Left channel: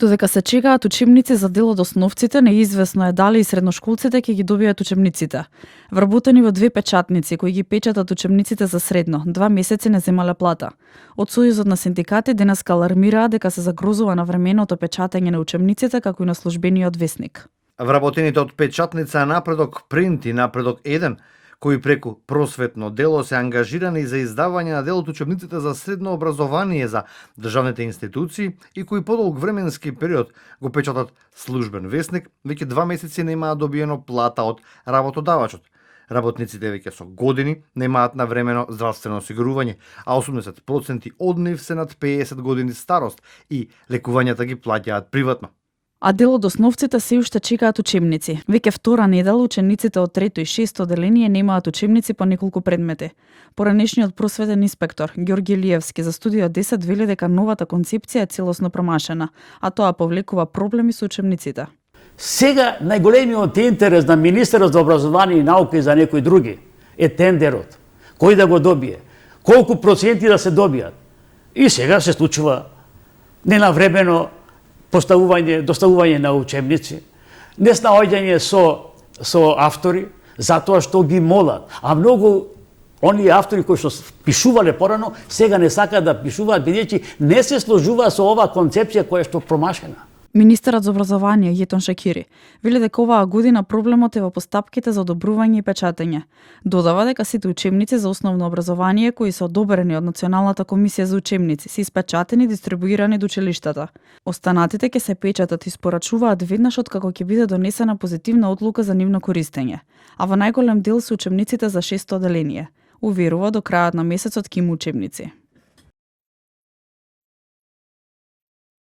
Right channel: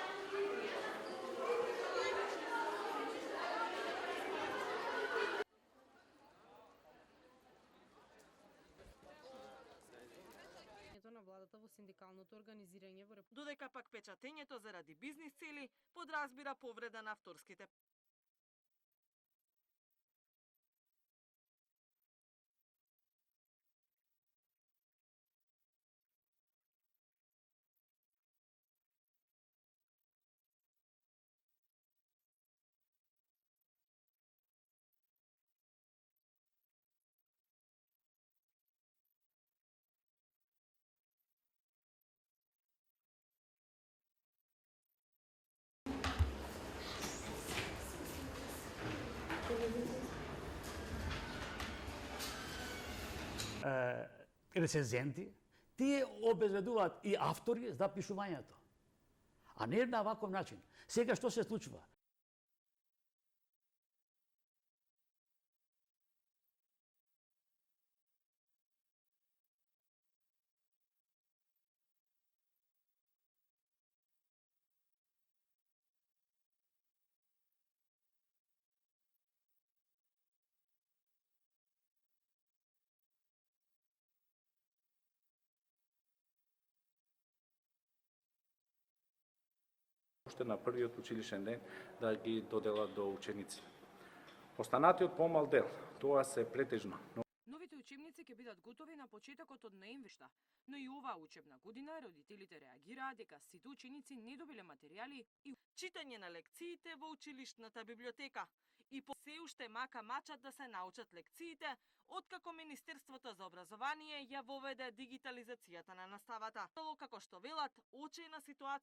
Додека се чекаат учебници за дел од основците, неизвестно е дали и средношколците ќе ги добијат учебниците. Вработени во 2 печатници кои ги печатат учебниците за средно, 2 месеци не земале плата. Од Сојузот на синдикати денеска алармираа дека се загрозува на временото печатење на учебниците како и на службениот весник. Вработените од печатница Напредок Принт и Напредок 1, кои преку просветно дело се ангажирани за издавање на дел од учебниците за средно образование за државните институции и кои подолг временски период го печатат службен весник, веќе 2 месеци немаат добиено плата од работодавачот. Работниците веќе со години немаат навремено здравствено осигурување, а 80% од нив се над 50 години старост и лекувањата ги плаќаат приватно. А дел од основците се уште чекаат учебници. Веќе втора недела учениците од 3 и 6 оделение немаат учебници по неколку предмети. Поранешниот просветен инспектор Ѓорги Илиевски за Студио 10 вели дека новата концепција е целосно промашена, а тоа повлекува проблеми со учебниците. Сега најголемиот интерес на министерот за образование и наука и за некои други е тендерот. Кој да го добие? Колку проценти да се добијат? И сега се случува ненавремено доставување на учебници, неснаоѓање со автори, затоа што ги молат. А многу оние автори кои што пишувале порано, сега не сакаат да пишуваат, бидејќи не се сложува со оваа концепција која што промашена. Министерот за образование Јетон Шакири вели дека оваа година проблемот е во постапките за одобрување и печатење. Додава дека сите учебници за основно образование кои се одобрени од Националната комисија за учебници се испечатени и дистрибуирани до училиштата. Останатите ќе се печатат и испорачуваат веднаш откако ќе биде донесена позитивна одлука за нивно користење. А во најголем дел се учебниците за 6 оделение. Уверува до крајот на месецот ќе има учебници.